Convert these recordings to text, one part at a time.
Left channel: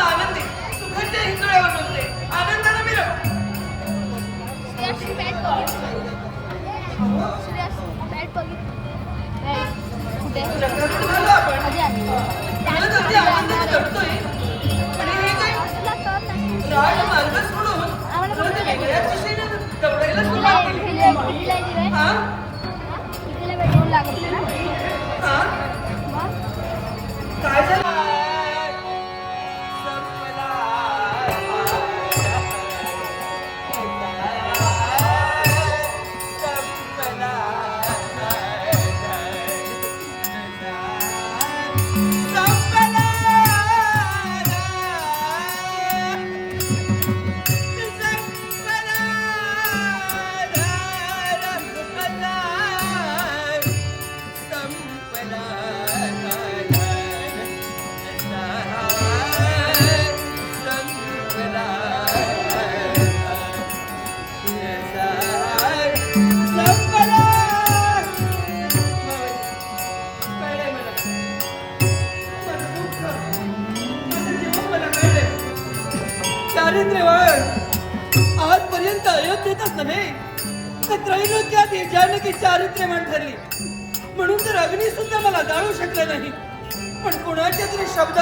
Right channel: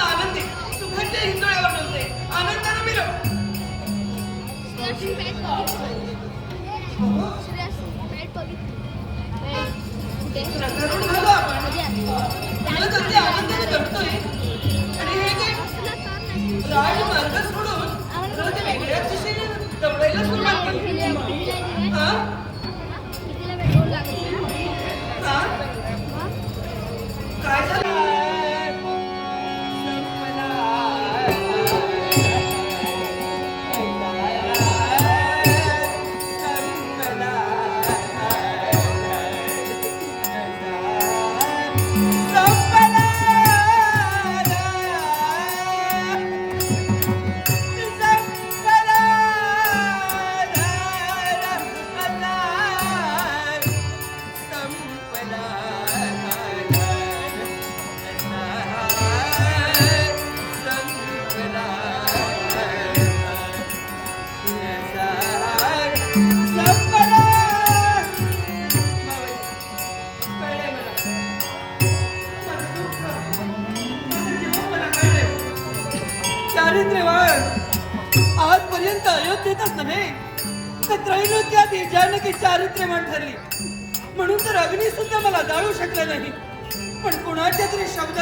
आता आनंदी सुखाच्या हिंदुळ्यावर नव्हते आनंदाने मिरव. झालं आपण मला तर ते आनंदाने जगतोय आणि हे काय राजमार्ग सोडून परत वेगळ्या दिशेने दौडायला सुरुवात केली. हा हा काय झालं? आजपर्यंत अयोध्येतच नव्हे तर त्रैलोक्यात जानकी चारित्र्यवान ठरली म्हणून तर अग्नी सुद्धा मला जाळू शकला नाही. पण कुणाच्या तरी शब्द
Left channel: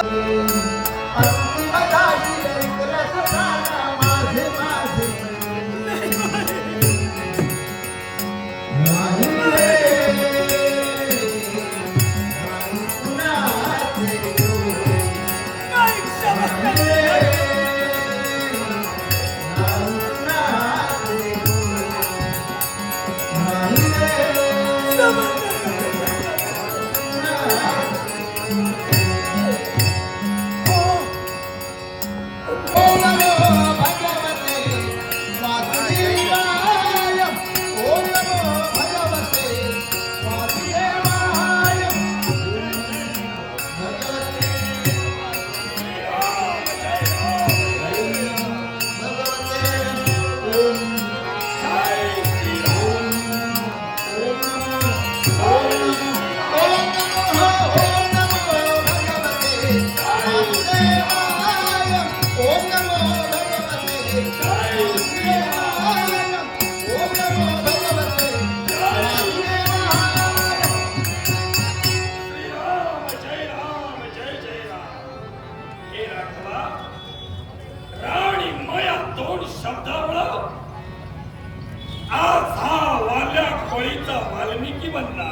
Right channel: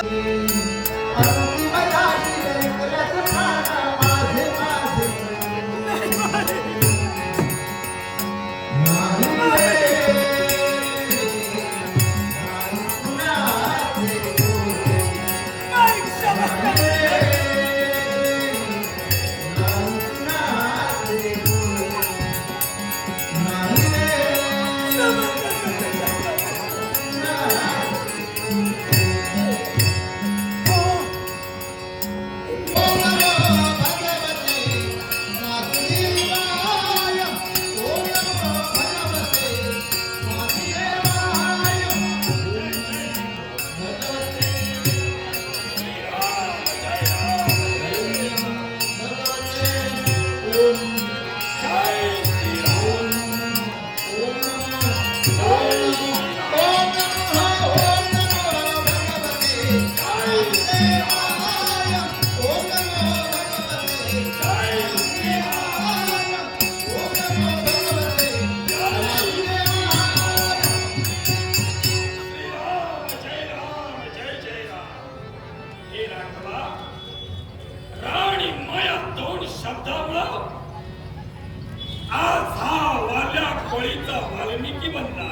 वाल्मिकी बनला.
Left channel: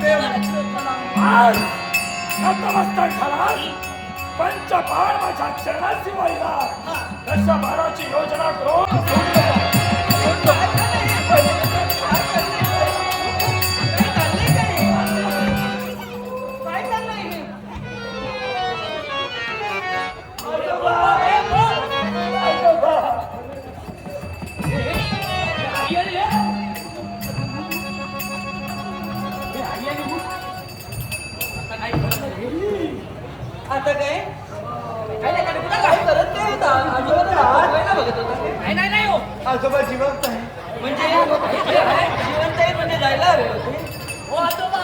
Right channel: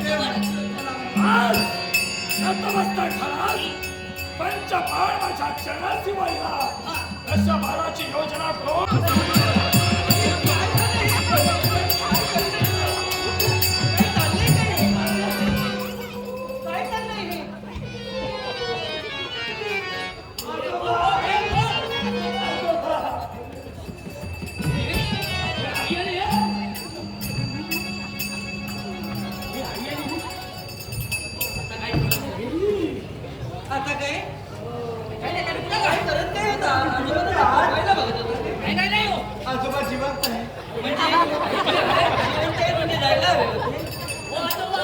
आज नतमस्तक झालास पंचबाण माझ्या चरणाशी वाहिला तशा बाणाची योजना करून काय चाललंय हे? आता काय काय करत काय होता आजोबाला आठवायला बघत होता नाही हो आजोबा जिवंत आहे. म्हणजे जिवंत आहेत म्हणजे जायला हवे होते हो आजोबा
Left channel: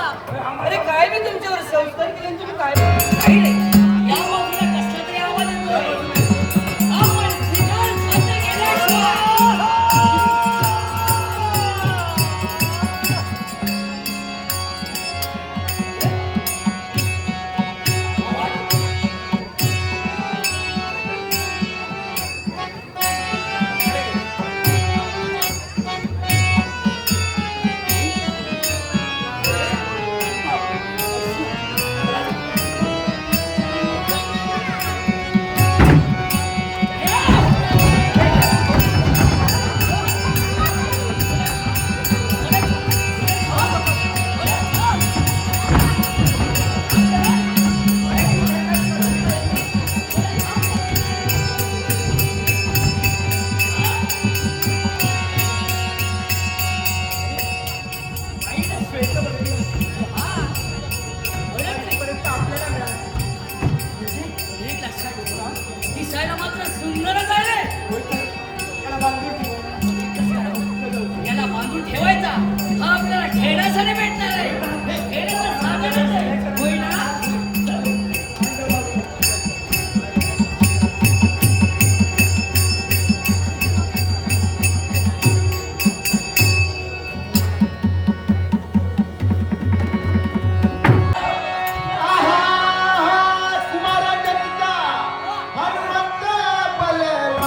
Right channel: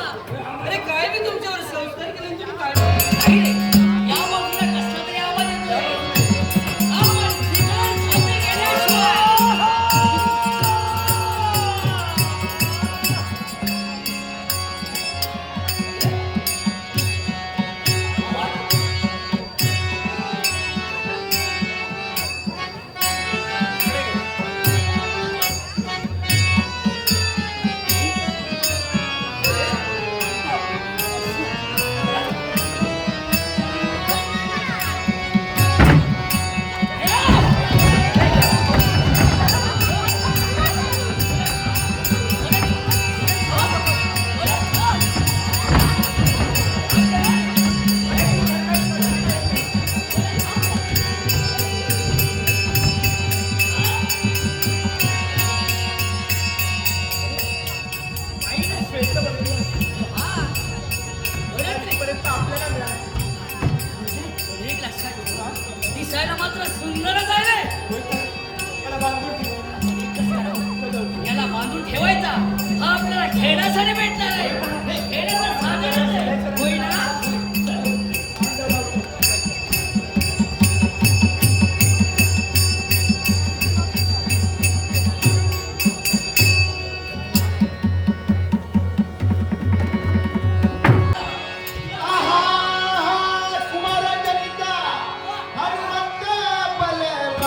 अरे काय मी तुमच्यावर संस्कार केले आणि तुम्ही काय काही नाही या बाजूला कसला तरी आवाज येतोय आपण ठिकाण साध्य केल्याशिवाय एक लक्षात ठेवा दिसायला मात्र सुंदरच आहे रे. त्याला बांधून ठेव. याला बांधून ठेवायचा हा आपल्याला खेळण्यासाठी भेटणार आहे हे खेळण्याचं साधनच आहे होय ना हनुमंत बलराम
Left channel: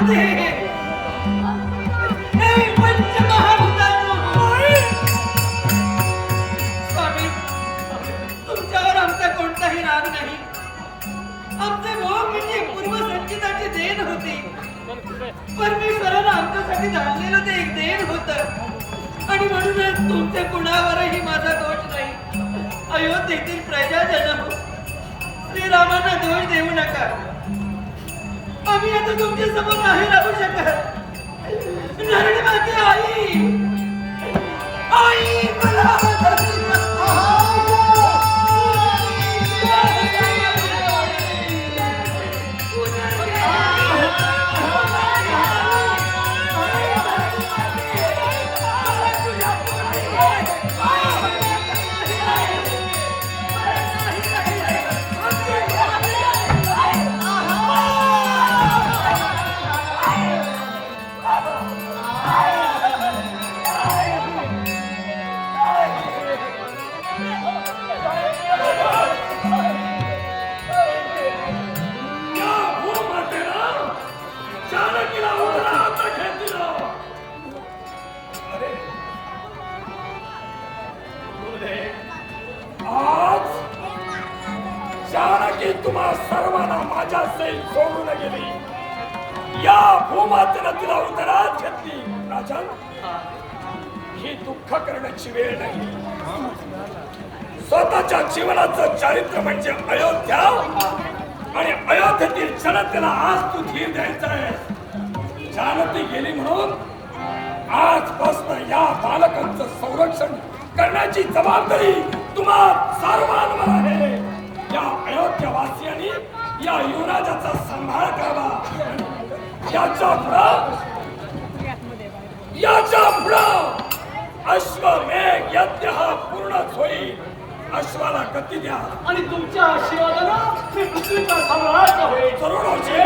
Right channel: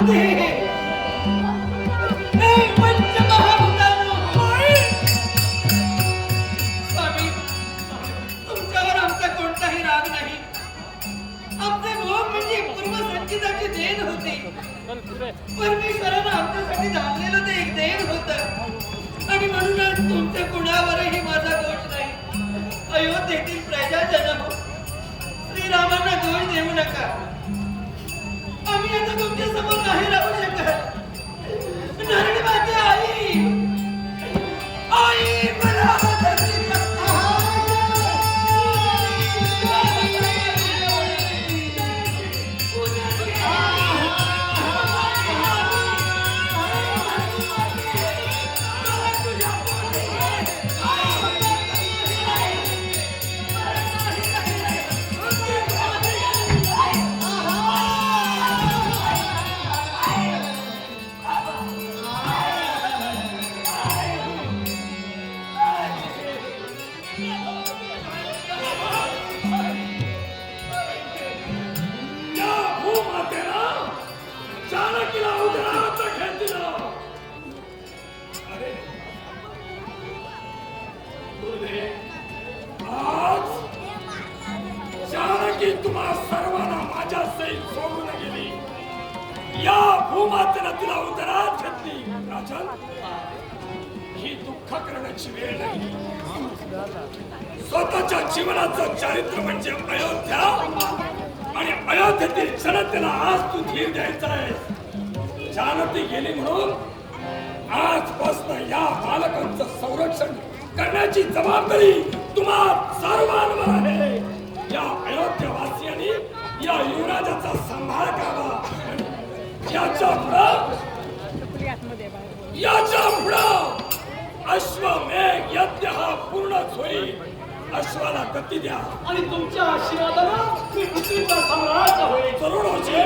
होते हे पंचमहाभूतानो. स्वामी, तुमच्यावर आमचा कोणताही राग नाही. आमचे भोग म्हणजे पूर्वसंचिताची देण होती. परमेश्वरानं आमच्यासाठी धाडलेलं ते एक देण होतं आणि म्हणूनच तुमचे कुणावरही माझा दोष नाही. अयोध्येतील प्रजाजन श्रीरामांना दोष देऊ नका. आम्ही आता तुमच्या समोर नाही राहू शकत. नारायण माते आई, आई मला धरती या भूमातेला जानकीला उदरात घेतलं. अरे मुले, आज जानकी तुम्हा सर्वांना माझ्या सैल सोडून गेली. या भूमातेनं तिला उदरात घेतली. राजन, ही दुःख करण्याची वेळ नाही. स्वतःच्या जीवनाचं चारित्र्य म्हणजे अयोध्या आणि अयोध्येतील जनतेला आज तू धीर द्यायचा आहे. जानती गेली म्हणून आजपासून या बालकांचं संरक्षण करण्याची जबाबदारी तुम्हा सर्वांवर आहे. या अयोध्यवासियांनी या युवराजाचा सांभाळ करावा. याच्या पुढं अश्वमेघ यज्ञ हा पूर्णच होईल. अश्वाला गती द्या आणि तुमच्या आशीर्वादानं मी पृथ्वीचा सम्राट होईल. तरुणाची